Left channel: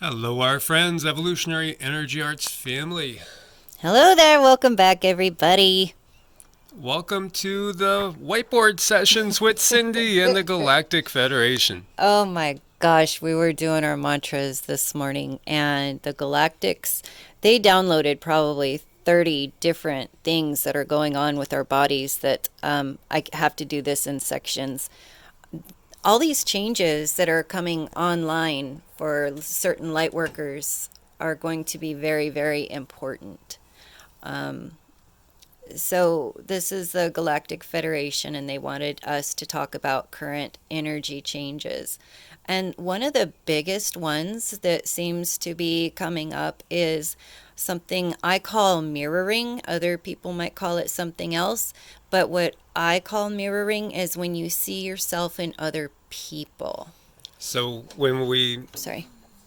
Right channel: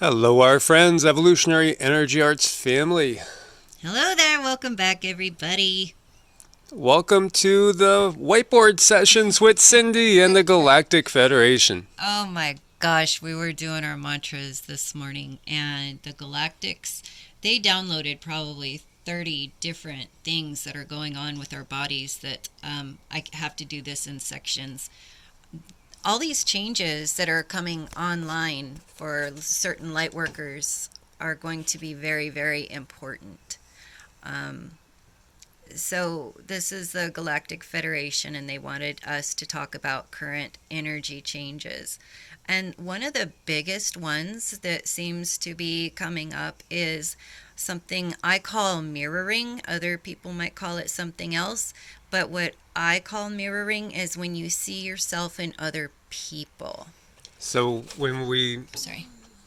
Hello, our friends, Evolutionary Energy Arts family. Hello there, welcome back, everybody. Welcome to the whiteboard sessions with Cindy and the Galactic Federation. Oh my gosh, we were doing our mantras this morning, and the Galactics, they downloaded probably 30 different things that are going on with our bodies that I have to do this in sections. All these changes that are coming online for certain light workers are going to be very, very important. So this is the Galactic Federation, and they wanted us to talk about current energy changes. And one of the biggest ones that seems to be coming up is something I call mirroring. Other people might call it something else, but what I call mirroring is when you see yourself in other people. So when we Sorry.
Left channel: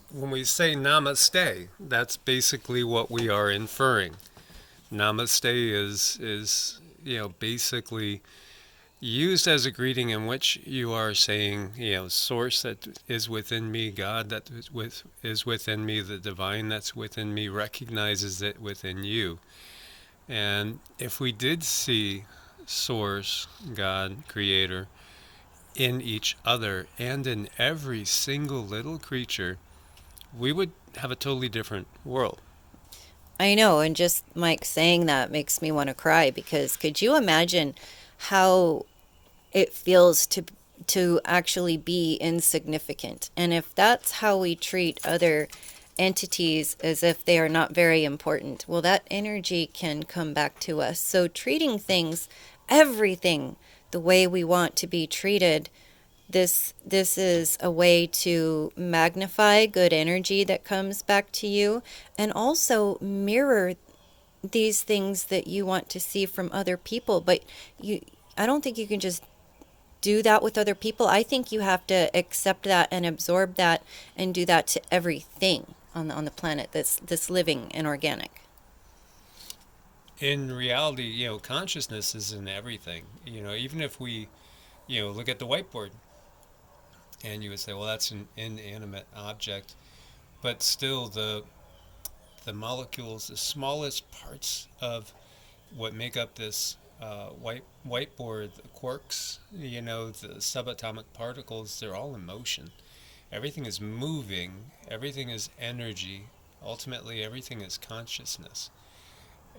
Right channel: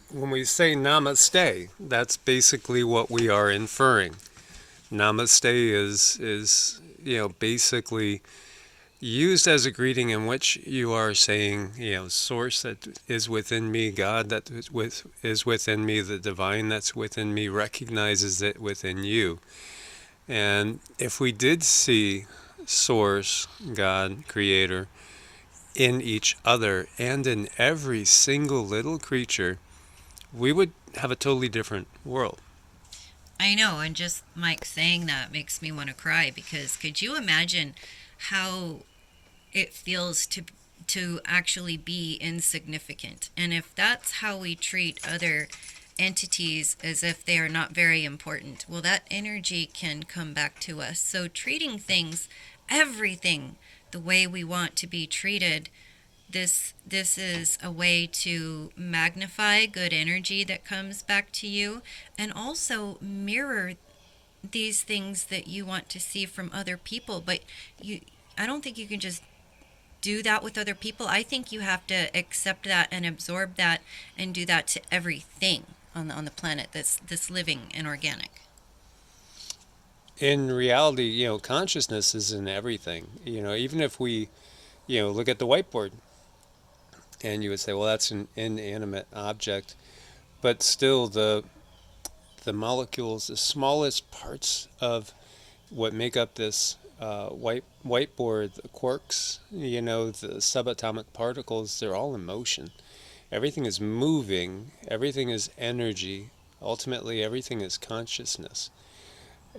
when we say namaste, that's basically what we are inferring. Namaste is basically used as a greeting in which you are saying, source that is within me, God that is within me, the divine that's within me recognizes it within you. And if we did see source, God, creator, in each other and in every single little creature, we would have a totally different world. I know, and just Mike saying that makes me want to cry because could you imagine how it feels to actually be insignificant? And if that's how we treat other entities as if they are not very important, well, that energy can come back to us. So treating things, everything, the way we want to be treated, this is a way to magnify good energy that comes back to you and also mirror these things that you want to see from other people. But you I don't think you can just do that with other people. I think you have to accept that and absorb that and do that to everything on the planet that's living and organic. In reality, consciousness is in everything. Even if we, look at the whiteboard and you would say, well, that's an inanimate object, but still the molecules, the smallest parts of what make up this whiteboard, the quarks, the subatomic particles, they're all in motion. Everything is moving, everything is energy, ultimately everything is consciousness.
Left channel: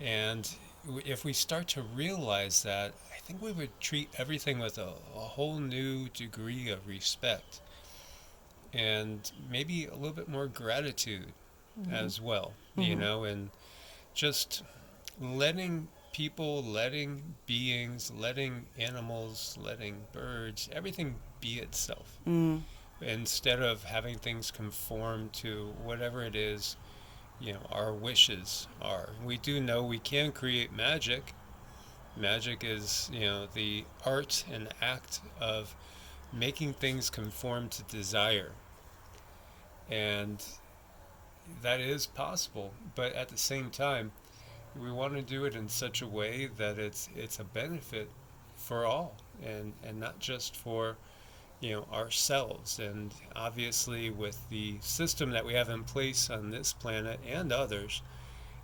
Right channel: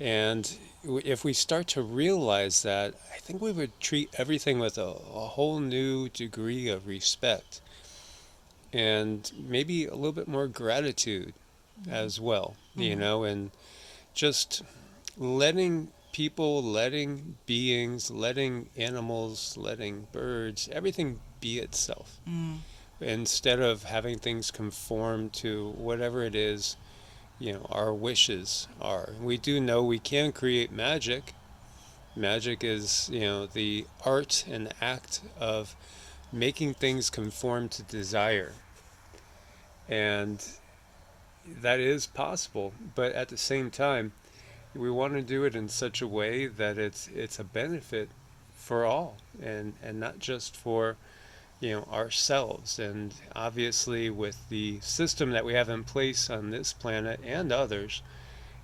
And if we start to realize that, I think we would treat everything with a whole new degree of respect and maybe a little bit more gratitude Mm-hmm. as well, Mm-hmm. and just letting people, letting beings, letting animals, letting birds, everything be itself Mm. instead of having things conform to whatever it is, our wishes are. We do know we can create magic. Magic is, the art and act of making things conform to desire. And that is possible, but at the same time, we want to do it in such a way that it's a benefit for all and not just for ourselves. And obviously with the system that we have in place on this planet and others,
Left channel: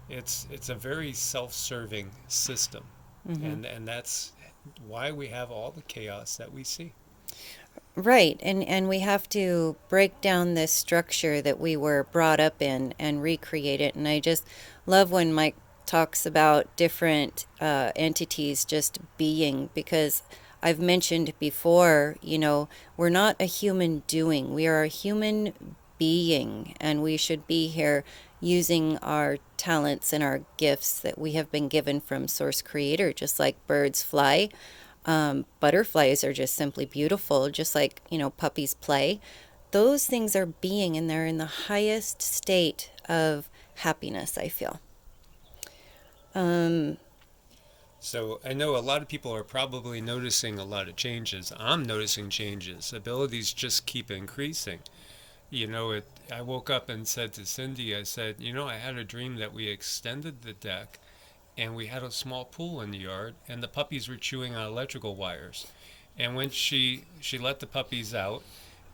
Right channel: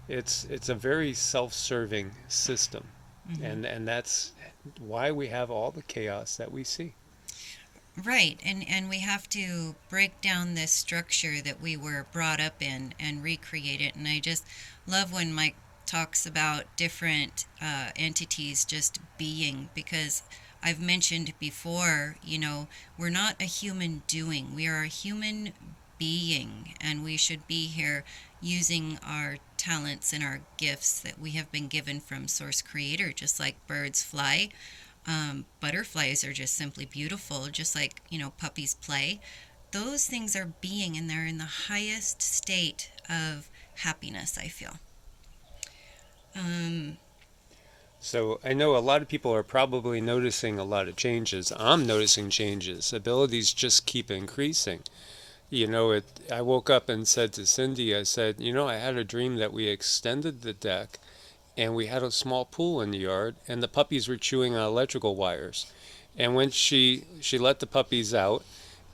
it's a very self-serving system, Mm-hmm. and that's why we have all the chaos that we see. Right, and we have to break down this structure that we were brought up in and recreate it. And I just love when Mike talks about different entities just being, because I've mentioned before, we're not a human doing, we are a human being, and we should be here using our talents and our gifts that we have been given from Source Creator, just like birds fly. Butterflies are just simply beautiful, just like, puppies play. Those things are being, and they're in the highest state of happiness, I feel. Um, So I know a lot of people are probably noticing a lot of changes. I'm noticing changes. Abilities just keep increasing. I woke up and said to Cindy, I said, I had a dream that we extended the deck and we had a small pool in the yard and the puppies were chewing on electrical wires. And when she let the puppies out,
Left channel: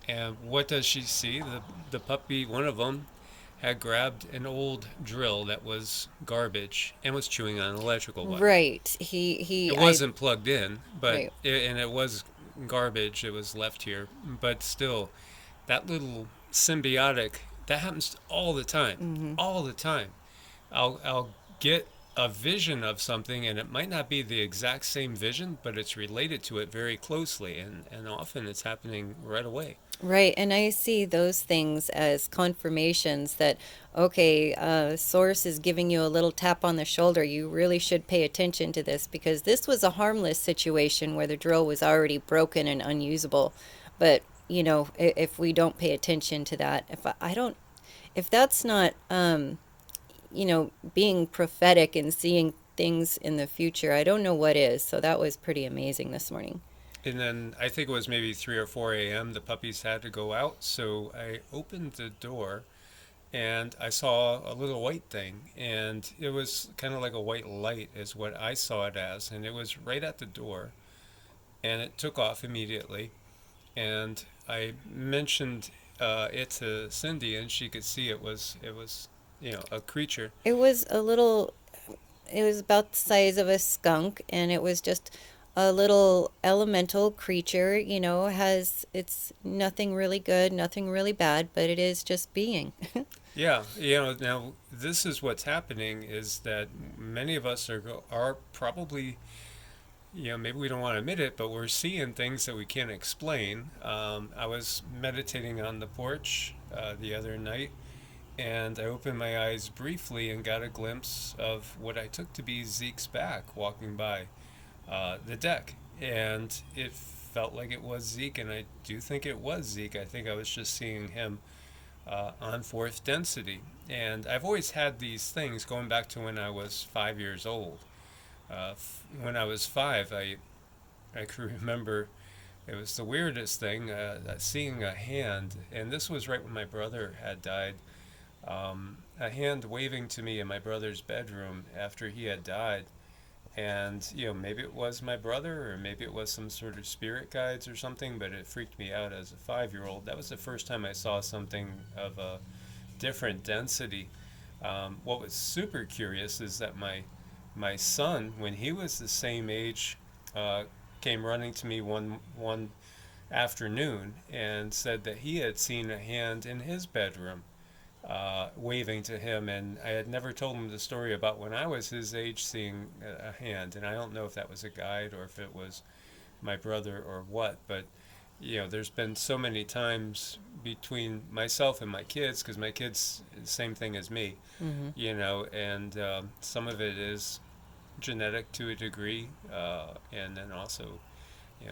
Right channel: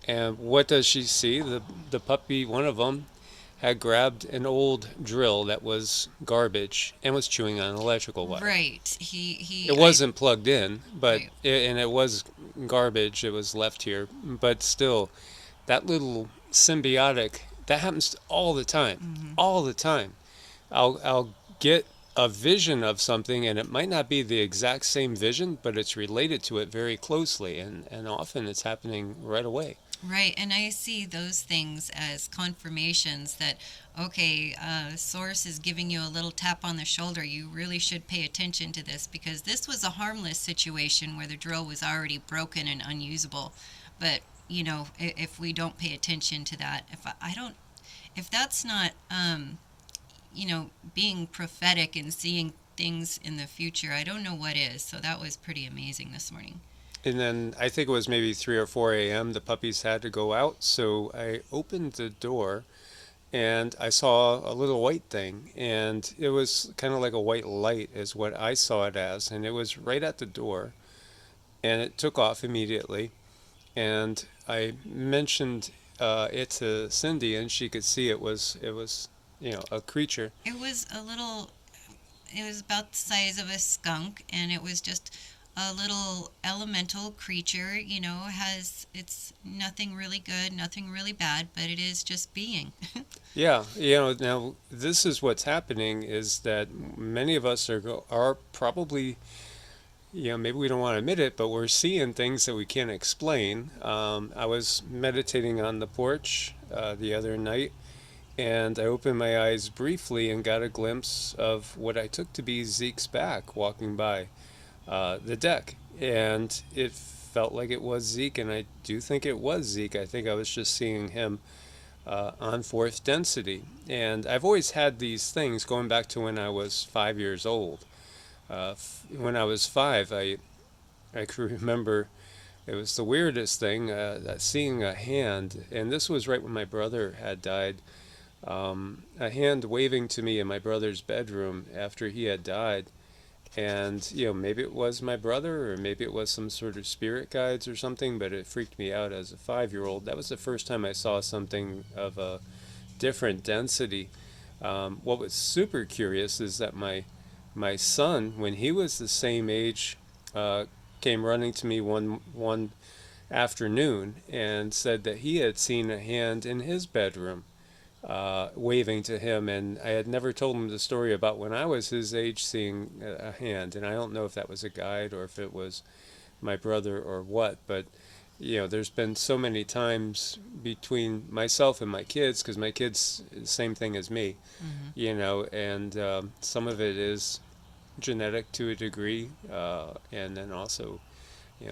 and what does she see? The puppy, one of them, had grabbed an old drill that was garbage and was chewing on electrical wire. Right. It wasn't plugged in, Right. and it was garbage. It was left here, but still, that little symbiotic that happens all the time, Mm-hmm. all the time. I'll get a vision of something, and it might not be the exact same vision, but it's related to it very closely, and often it's happening right away. Right, and I see those things as confirmations that, okay, Source is giving you a little tap on the shoulder. You really should pay attention to this because this was a harmless situation where the drill was already broken and unusable. But, if we don't pay attention to that, I don't, if that's not, being prophetic and seeing things in the future, I don't know what is. So that was pretty amazing this morning. And then I think it was maybe 3 or 4 a.m. The puppies had to go out, so I opened the door and I saw a little white thing, and it was kind of like a white light, is what I saw it as, and it was right at the door, and it took off immediately. And I mentioned it to Cindy, and she could see it was a creature. It was a little It was about the size of a skunk, and it was just a little elemental creature. Has it's nothing really good, nothing really bad, but it is just being. Yeah, now this is what's happening is that many of us are probably, maybe we don't want to admit it, but we're seeing things that we can't explain. I was meditating on the porch the other night, and I opened my eyes briefly and got a glimpse of what I took to be Zeke's back walking by the deck. And it felt like it was Zeke, and I do think it was Zeke. I think I was just seeing him on fourth density. And I've always had these things going back to when I was 5 years old. When I was five, I can remember it was the weirdest thing, seeing a hand, and this was right when my brother had died. A hand waving to me in my brother's bedroom after he had died. And, maybe it was my brother or maybe it was some sort of spirit guides or something, but it freaked me out as a 5 year old. That was the first time I saw something of a different density. What was super curious is that my son, when he was the same age, came running to me one afternoon and said that he had seen a hand in his bedroom waving to him, and I had never told him the story about when I was his age seeing a hand, and I don't know if that was a guide or if it was my brother or what, but there's been so many times between myself and my kids, because my kids the same thing as me, Mm-hmm. and some of it is genetic to a degree, and then also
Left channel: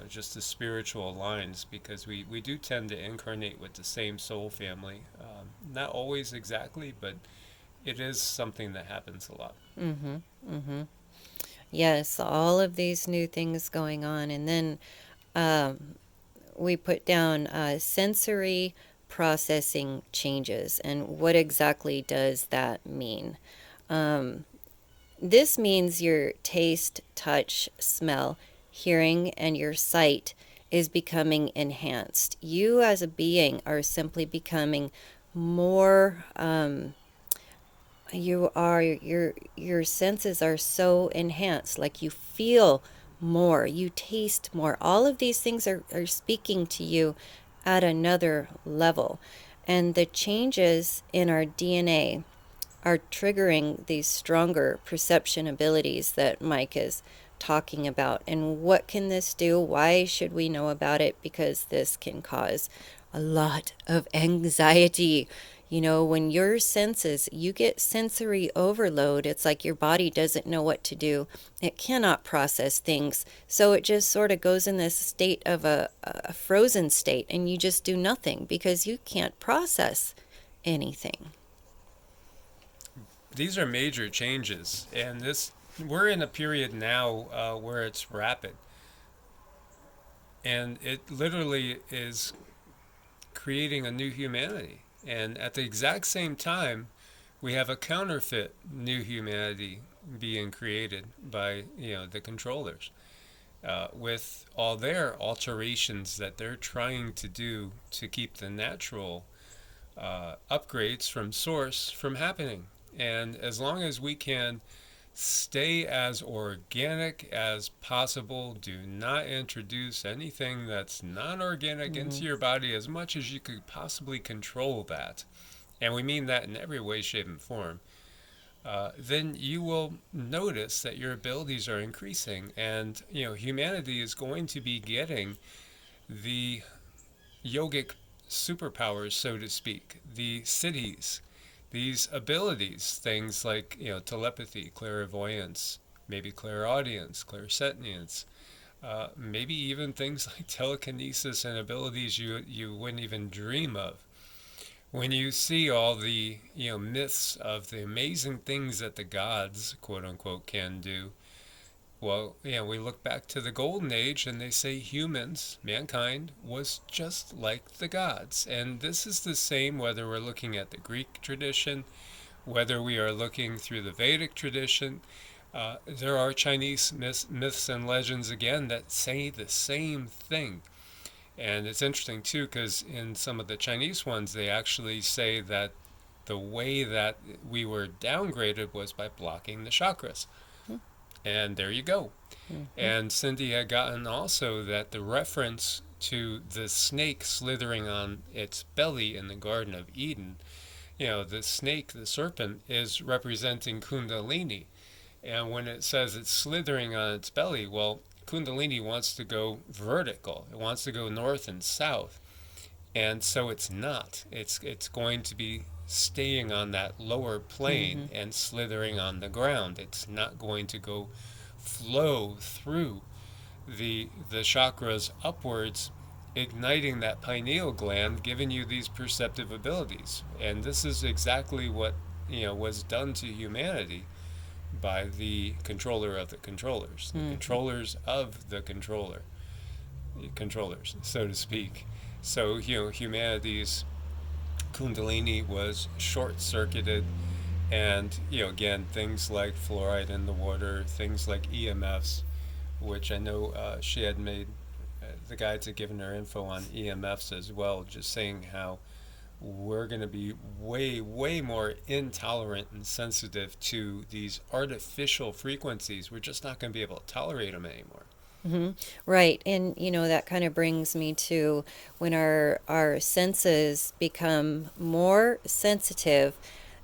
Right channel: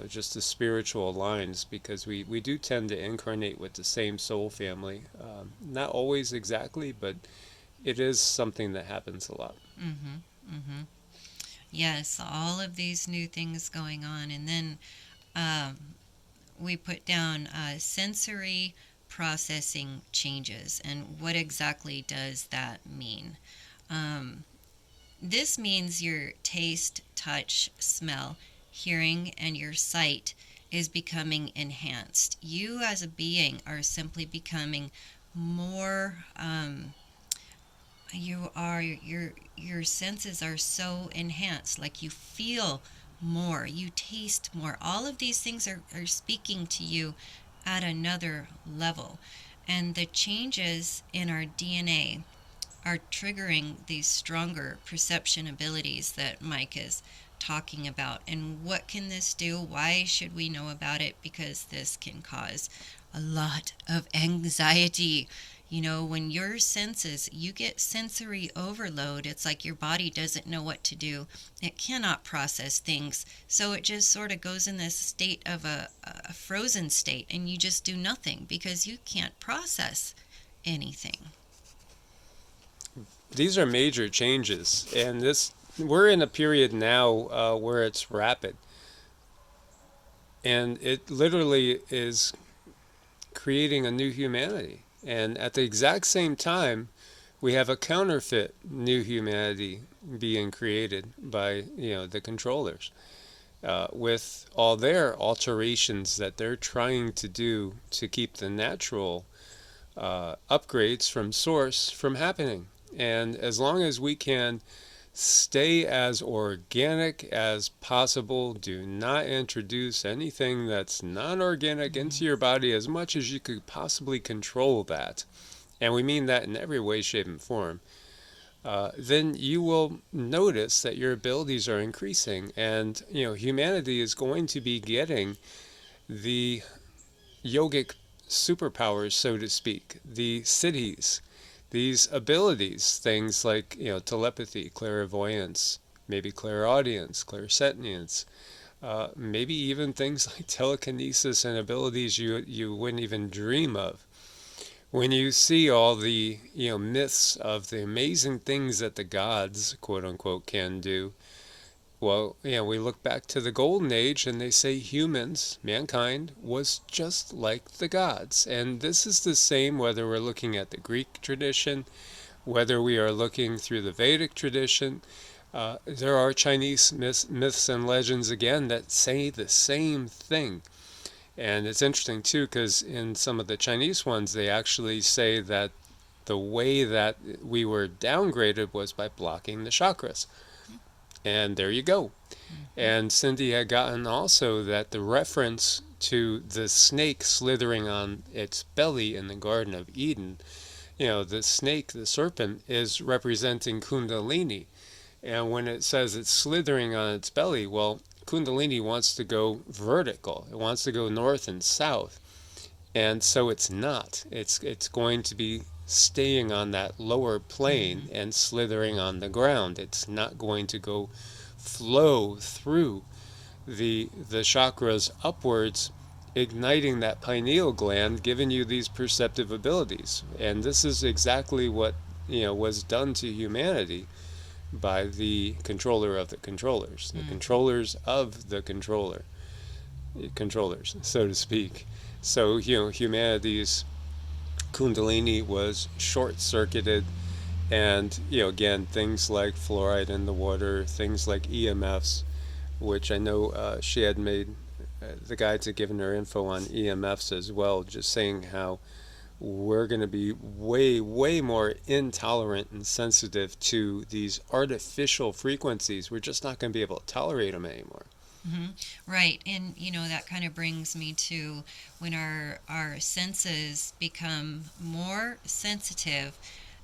just the spiritual lines, because we do tend to incarnate with the same soul family. Not always exactly, but it is something that happens a lot. Mm-hmm. Mm-hmm. Yes, all of these new things going on, and then um, we put down sensory processing changes, and what exactly does that mean? Um, This means your taste, touch, smell, hearing, and your sight is becoming enhanced. You as a being are simply becoming more. Your senses are so enhanced. Like you feel more, you taste more. All of these things are speaking to you at another level, and the changes in our DNA are triggering these stronger perception abilities that Mike is talking about. And what can this do? Why should we know about it? Because this can cause a lot of anxiety. When your senses, you get sensory overload, it's like your body doesn't know what to do. It cannot process things. So it just sort of goes in this state of a frozen state, and you just do nothing because you can't process anything. These are major changes, and this we're in a period now where it's rapid, and it literally is creating a new humanity. And at the exact same time, we have a counterfeit new humanity being created by the controllers, with all their alterations that they're trying to do to keep the natural upgrades from source from happening. And as long as we can stay as organic as possible, do not introduce anything that's not organic Mm-hmm. into your body as much as you could possibly control that. And we mean that in every way, shape, and form. Then you will notice that your abilities are increasing, and humanity is going to be getting the yogic superpowers, so to speak, the cities, these abilities, things like telepathy, clairvoyance, maybe clairaudience, clairsentience, maybe even things like telekinesis and abilities you wouldn't even dream of. When you see all the myths of the amazing things that the gods, quote unquote, can do, well, we look back to the Golden Age and they say humans, mankind, was just like the gods. And this is the same whether we're looking at the Greek tradition, whether we are looking through the Vedic tradition. There are Chinese myths and legends again that say the same thing. And it's interesting too because in some of the Chinese ones, they actually say that the way that we were downgraded was by blocking the chakras. And there you go. Mm-hmm. And Cindy had gotten also that the reference to the snake slithering on its belly in the Garden of Eden, the snake, the serpent, is representing Kundalini. And when it says it's slithering on its belly, well, Kundalini wants to go vertical. It wants to go north and south. And so it's not. It's going to be staying on that lower Mm-hmm. plane and slithering on the ground. It's not going to go flow through the chakras upwards, igniting that pineal gland, giving you these perceptive abilities. And this is exactly what was done to humanity by the controller of the controllers, the Mm-hmm. controllers of the controllers, so to speak. So humanity's kundalini was short-circuited, and again, things like fluoride in the water, things like EMFs, which I know she had made the guides had given her info on EMFs as well, just saying how we're going to be way, way more intolerant and sensitive to these artificial frequencies. We're just not going to be able to tolerate them anymore. Mm-hmm. Right. And that kind of brings me to when our senses become more sensitive,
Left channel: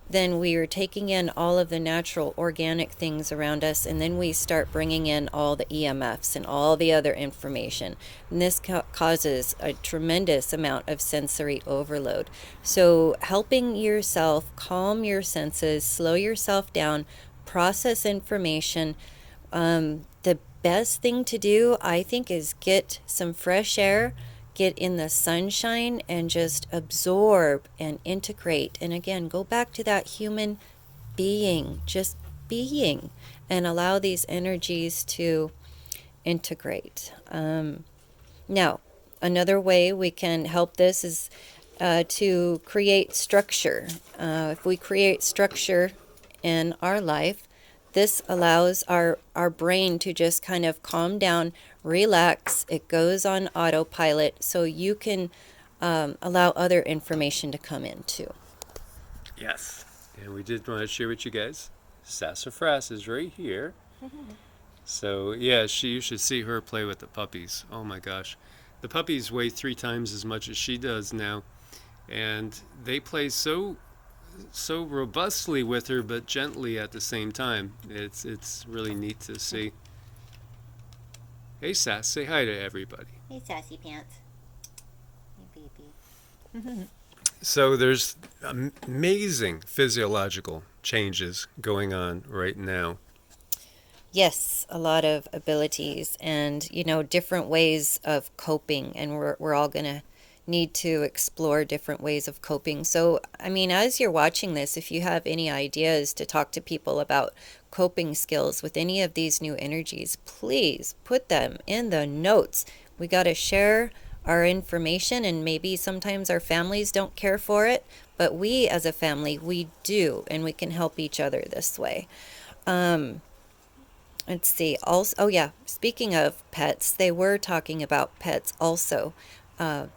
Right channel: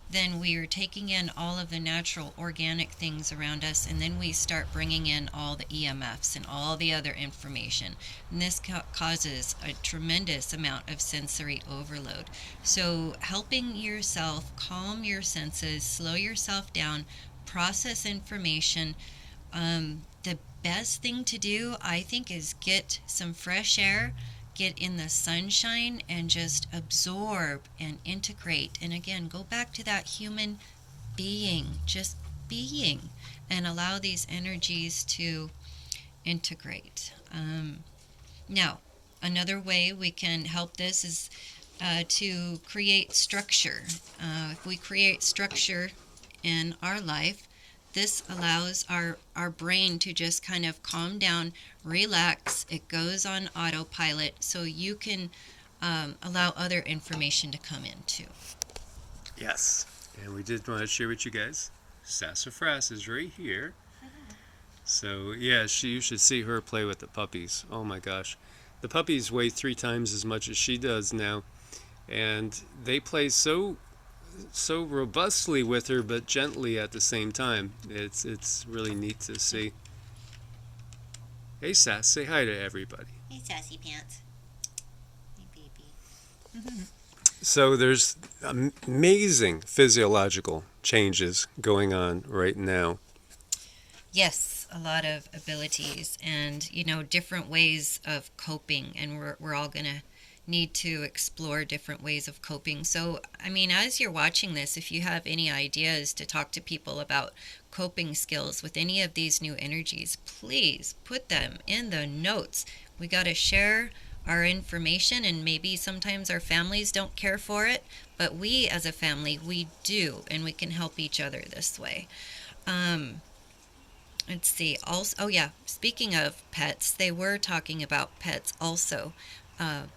then we are taking in all of the natural organic things around us, and then we start bringing in all the EMFs and all the other information. And this causes a tremendous amount of sensory overload. So helping yourself calm your senses, slow yourself down, process information. The best thing to do, I think, is get some fresh air, get in the sunshine, and just absorb and integrate. And again, go back to that human being, just being, and allow these energies to integrate. Now, another way we can help this is to create structure. If we create structure in our life, this allows our brain to just kind of calm down, relax. It goes on autopilot so you can allow other information to come in too. Yes. And we did want to share with you guys, Sassafras is right here. So yeah, you should see her play with the puppies. Oh my gosh, the puppies weigh 3 times as much as she does now, and they play so robustly with her, but gently at the same time. It's really neat to see. Hey Sass, say hi to everybody. Hey, sassy pants. Hey, baby. So there's amazing physiological changes going on right now. Yes, a lot of abilities and, different ways of coping. And we're all going to need to explore different ways of coping. So, I mean, as you're watching this, if you have any ideas to talk to people about coping skills with any of these new energies, please put them in the notes. We got to share our information, and maybe sometimes our families don't care for it, but we as a family, we do, and we can help each other this way. Um, Let's see. Also, oh yeah. Speaking of pets, they were talking about pets also.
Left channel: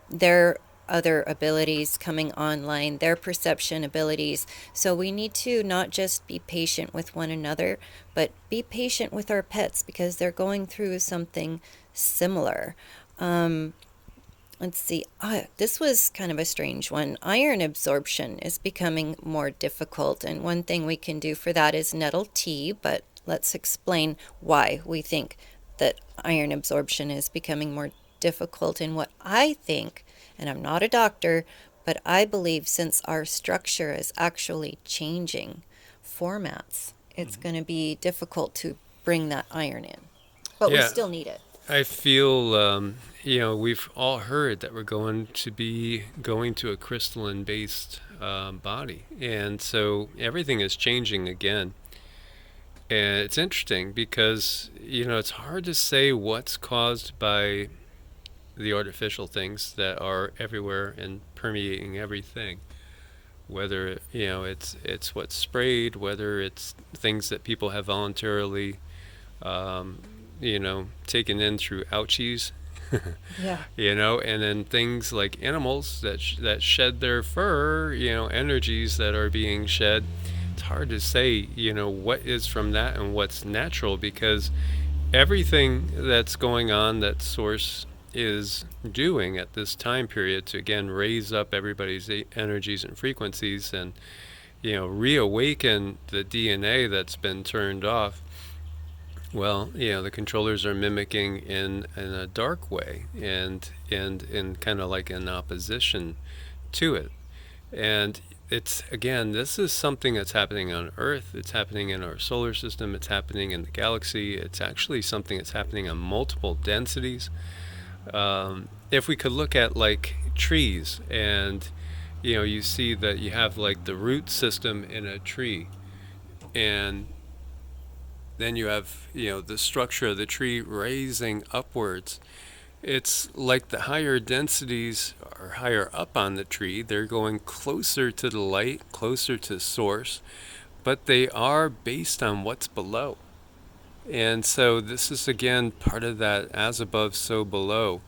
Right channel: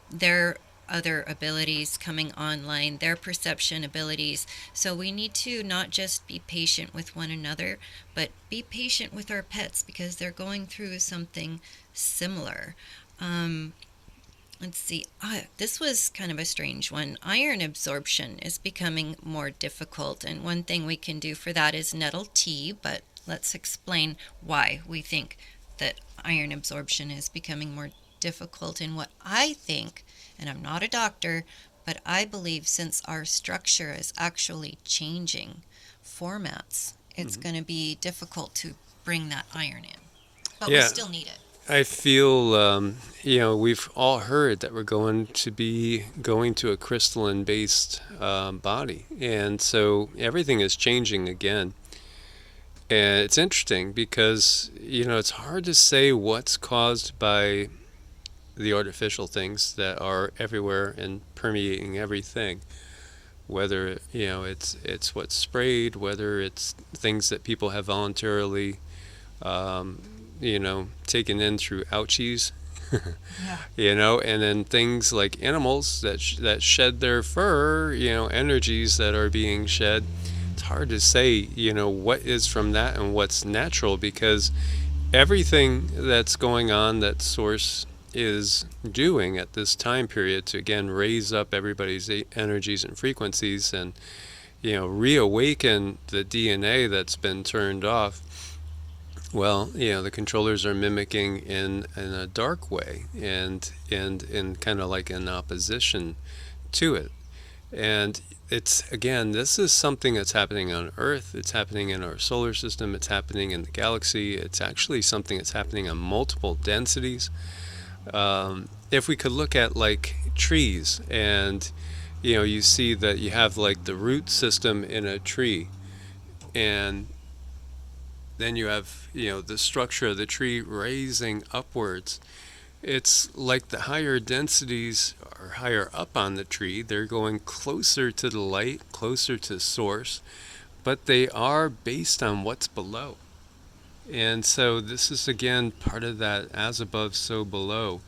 There other abilities coming online, their perception abilities. So we need to not just be patient with one another, but be patient with our pets because they're going through something similar. Um, let's see. This was kind of a strange one. Iron absorption is becoming more difficult, and one thing we can do for that is nettle tea, but let's explain why we think that iron absorption is becoming more difficult. And what I think, and I'm not a doctor, but I believe since our structure is actually changing formats, it's Mhm. going to be difficult to bring that iron in. But we Yeah, still need it. I feel, we've all heard that we're going to be going to a crystalline based body. And so everything is changing again. And it's interesting because, it's hard to say what's caused by the artificial things that are everywhere and permeating everything. Whether, it's what's sprayed, whether it's things that people have voluntarily, um, taken in through ouchies, Yeah. and then things like animals that shed their fur, energies that are being shed. It's hard to say, what is from that and what's natural because everything that's going on that source is doing at this time period to again raise up everybody's energies and frequencies and reawaken the DNA that's been turned off. Well, the controllers are mimicking in a dark way and in kind of like in opposition to it. And it's again, this is something that's happening on Earth. It's happening in our solar system. It's happening in the galaxy. It's actually something that's happening on multiple densities. If we could look at like trees, and you see that you have like the root system in a tree, and then you have the structure of the tree raising upwards. It's like the higher densities are higher up on the tree. They're going closer to the light, closer to source, but they are based on what's below. And so this is again part of that as above, so below.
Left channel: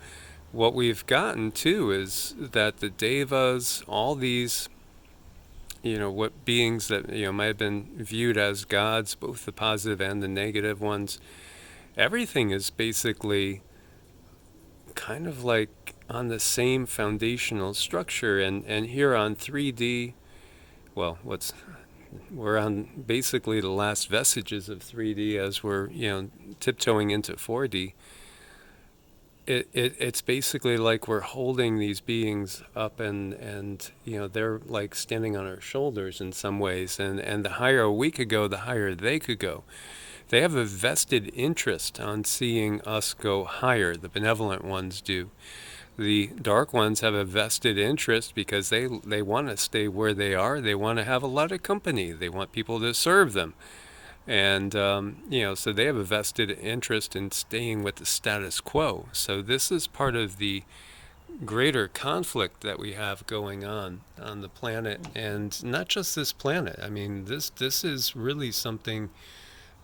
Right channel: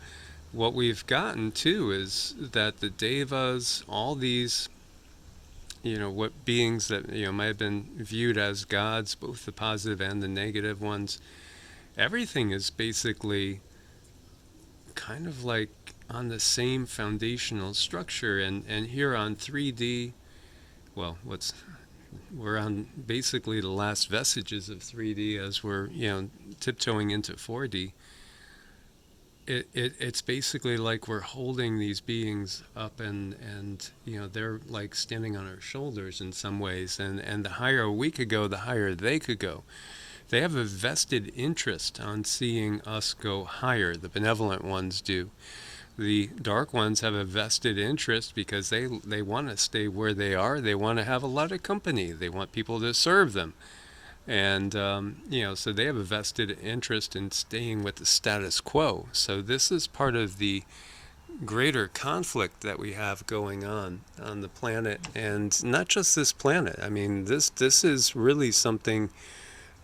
What we've gotten too is that the devas, all these, what beings that might have been viewed as gods, both the positive and the negative ones, everything is basically kind of like on the same foundational structure. And here on 3D, well, we're on basically the last vestiges of 3D as we're tiptoeing into 4D. It's basically like we're holding these beings up, and they're like standing on our shoulders in some ways, and the higher we could go, the higher they could go. They have a vested interest on seeing us go higher. The benevolent ones do. The dark ones have a vested interest because they want to stay where they are. They want to have a lot of company. They want people to serve them. And, so they have a vested interest in staying with the status quo. So this is part of the greater conflict that we have going on the planet. And not just this planet. I mean, this is really something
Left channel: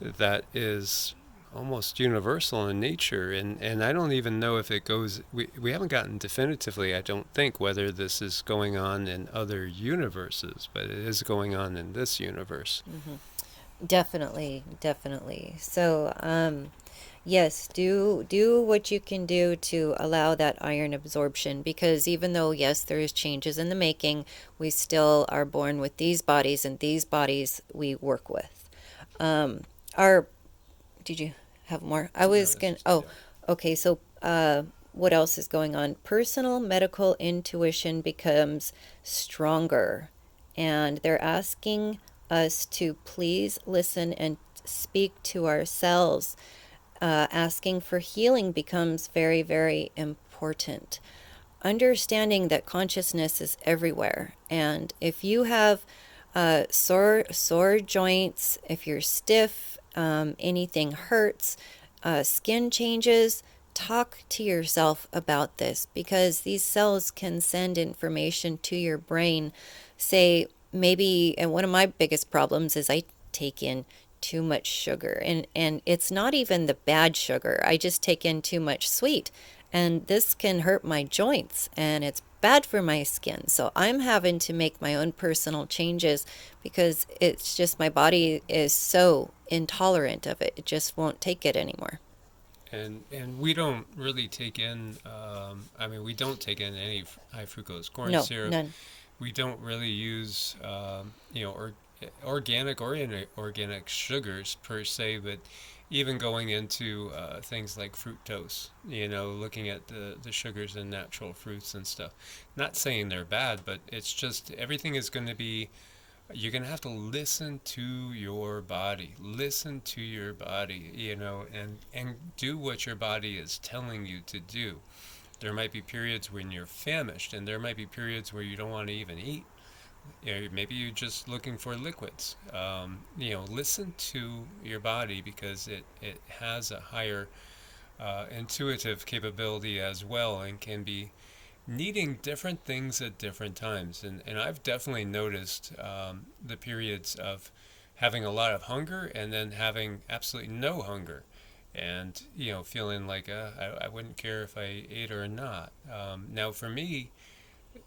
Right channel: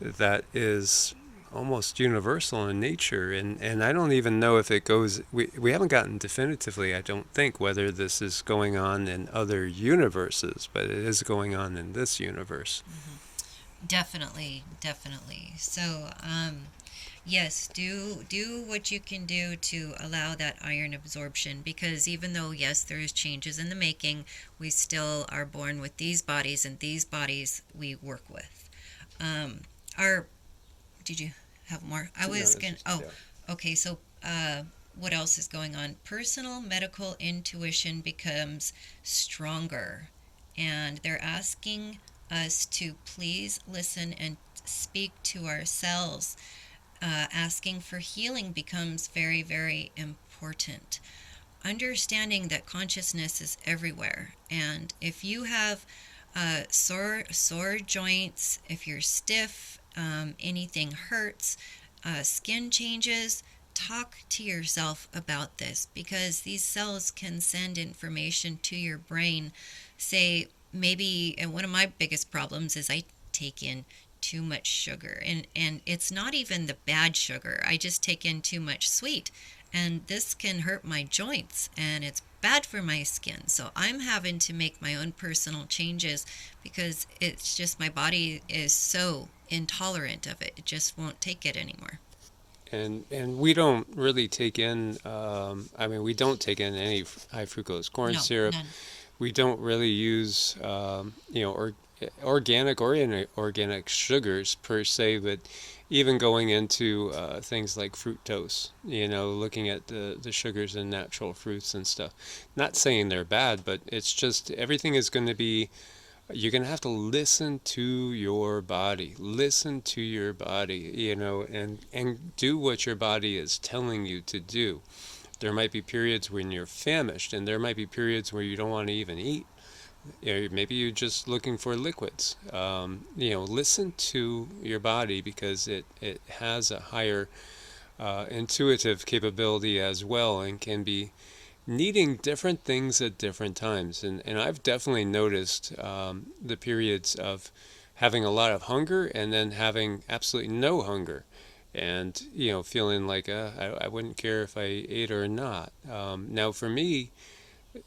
that is almost universal in nature, and I don't even know if it goes, we haven't gotten definitively, I don't think, whether this is going on in other universes, but it is going on in this universe. Hmm. Definitely, definitely. So, yes, do what you can do to allow that iron absorption because even though yes, there is changes in the making, we still are born with these bodies and these bodies we work with. Our Did you have more? I No, was this going is oh, yeah. okay, so what else is going on? Personal medical intuition becomes stronger and they're asking us to please listen and speak to ourselves. Asking for healing becomes very, very important. Understanding that consciousness is everywhere, and if you have sore joints, if you're stiff, anything hurts, skin changes, talk to yourself about this because these cells can send information to your brain. Say, maybe, and one of my biggest problems is I take in too much sugar, and it's not even the bad sugar. I just take in too much sweet, and this can hurt my joints, and it's bad for my skin. So I'm having to make my own personal changes because it's just my body is so intolerant of it. It just won't take it anymore. And we don't really take in. I mean, we don't take in any high fructose corn No, syrup. none. We don't really use organic or inorganic sugars per se, but even going into things like fructose, looking at the sugars in natural fruits and stuff. Not saying they're bad, but it's just everything is going to be, you're going to have to listen to your body. Listen to your body, and do what your body is telling you to do. There might be periods when you're famished, and there might be periods where you don't want to even eat. Maybe you're just looking for liquids. Listen to your body because it has a higher intuitive capability as well, and can be needing different things at different times. And I've definitely noticed the periods of having a lot of hunger and then having absolutely no hunger. And, feeling like I wouldn't care if I ate or not. Now, for me,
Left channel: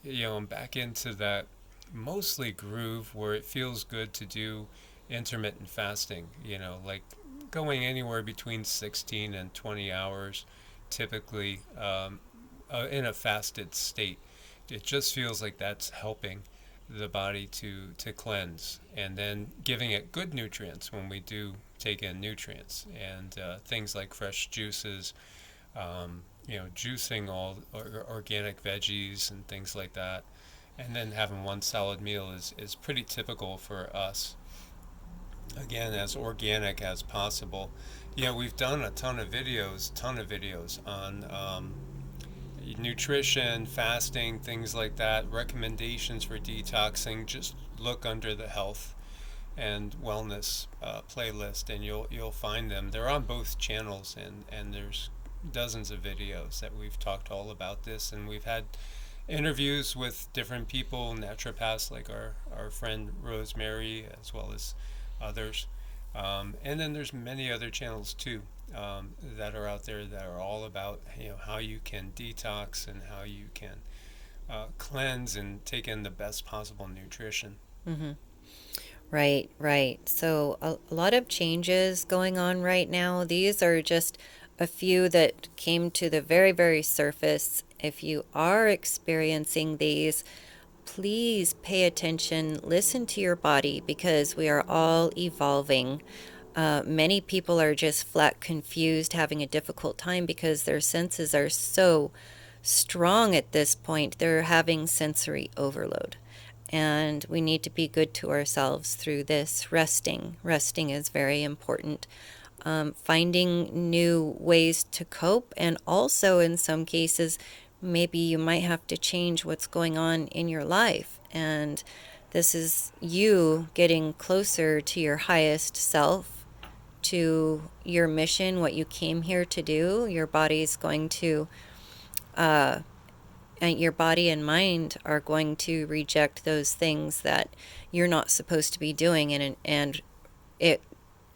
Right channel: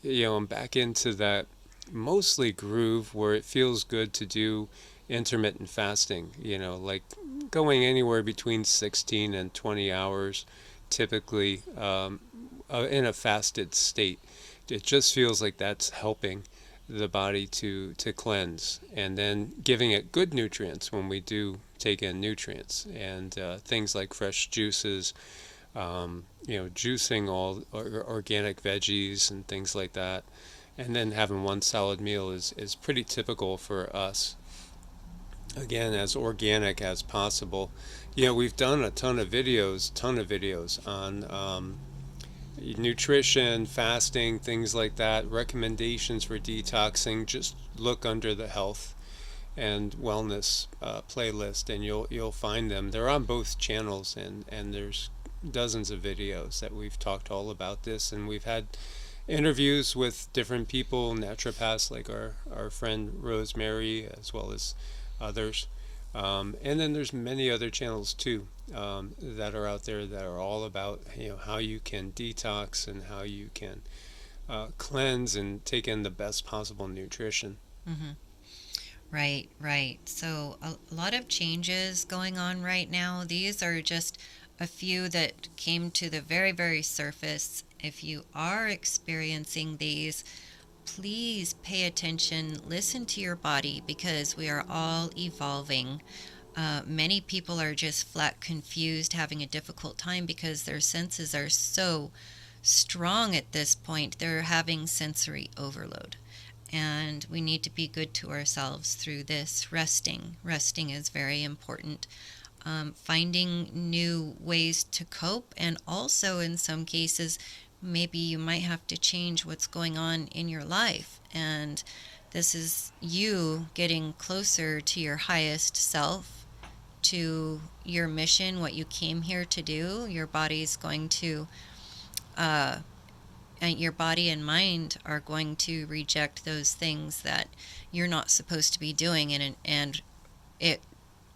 I'm back into that mostly groove where it feels good to do intermittent fasting, like going anywhere between 16 and 20 hours typically, in a fasted state. It just feels like that's helping the body to cleanse, and then giving it good nutrients when we do take in nutrients, and things like fresh juices, juicing all organic veggies and things like that, and then having one solid meal is pretty typical for us. Again, as organic as possible. We've done a ton of videos on nutrition, fasting, things like that, recommendations for detoxing. Just look under the health and wellness playlist, and you'll find them. They're on both channels, and there's dozens of videos that we've talked all about this, and we've had interviews with different people, naturopaths like our friend Rosemary, as well as others. And then there's many other channels too, that are out there that are all about how you can detox and how you can cleanse and take in the best possible nutrition. Mm-hmm. Right, right. So a lot of changes going on right now. These are just a few that came to the very, very surface. If you are experiencing these, please pay attention, listen to your body because we are all evolving. Many people are just flat confused, having a difficult time because their senses are so strong at this point. They're having sensory overload. And we need to be good to ourselves through this. Resting is very important. Finding new ways to cope, and also in some cases, maybe you might have to change what's going on in your life. And this is you getting closer to your highest self, to your mission, what you came here to do. Your body's going to, and your body and mind are going to reject those things that you're not supposed to be doing, and it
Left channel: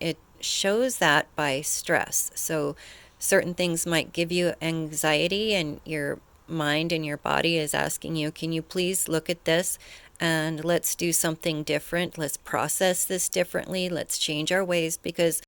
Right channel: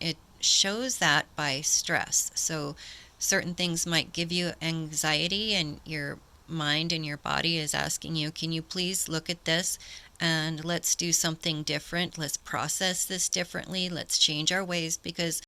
it shows that by stress. So certain things might give you anxiety, and your mind and your body is asking you, can you please look at this and let's do something different, let's process this differently, let's change our ways, because